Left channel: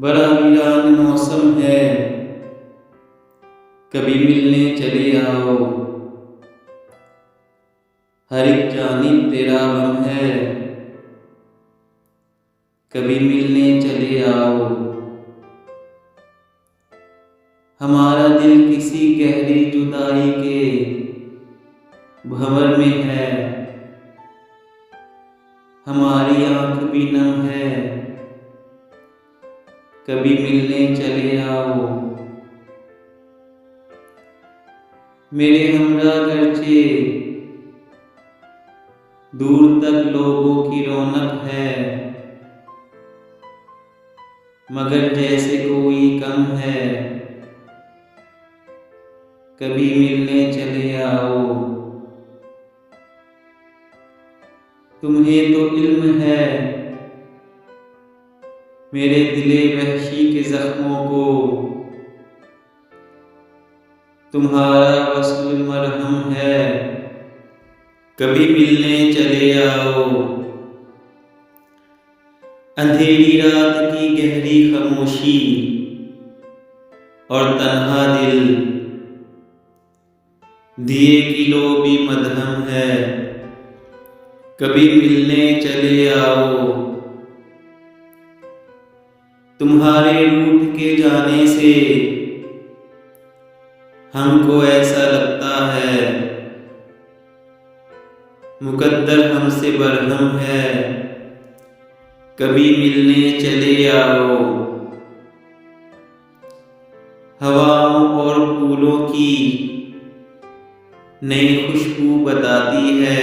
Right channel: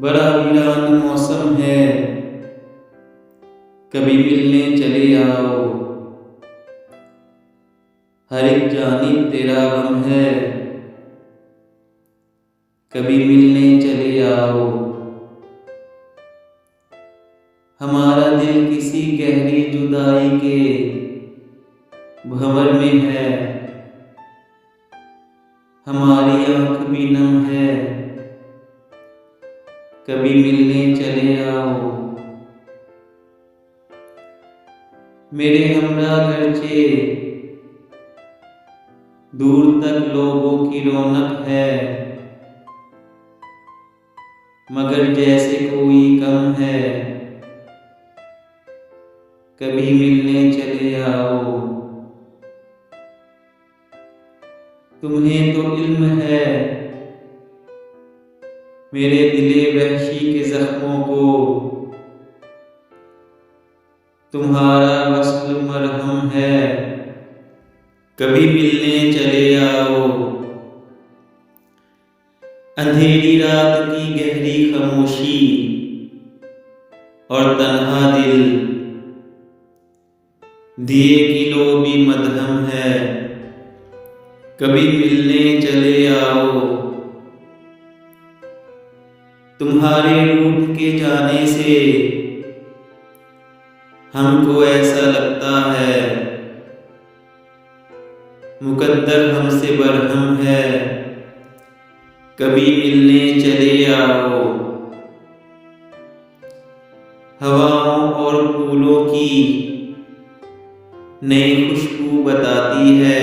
बड़ा वीरान मौसम है, कभी मिलने चले आओ। हर एक जानिब तेरा गम है, कभी मिलने चले आओ। हमारा दिल किसी गहरी जुदाई के भंवर में है, हमारी आंख भी नम है, कभी मिलने चले आओ। मेरे हमरा गर्चे दूर तक लोगों की रौनक है, मगर जैसे कोई कम है, कभी मिलने चले आओ। तुम्हें तो इल्म है मेरे दिले वहशी के जख्मों को, तुम्हारा वस्ल मरहम है, कभी मिलने चले आओ। अंधेरी रात की गहरी खामोशी और तन्हा दिल, दिए की लो भी मदहम है, कभी मिलने चले आओ। तुम्हारे रूठ के जाने से हमको ऐसा लगता है, मुकद्दर हमसे बरहम है, कभी मिलने चले आओ। हवाओं और फूलों की नई खुशबू बताती है,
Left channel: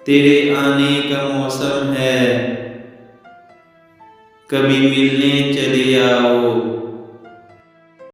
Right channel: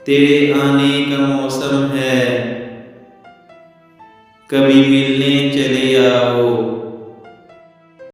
तेरे आने का मौसम है, कभी मिलने चले आओ।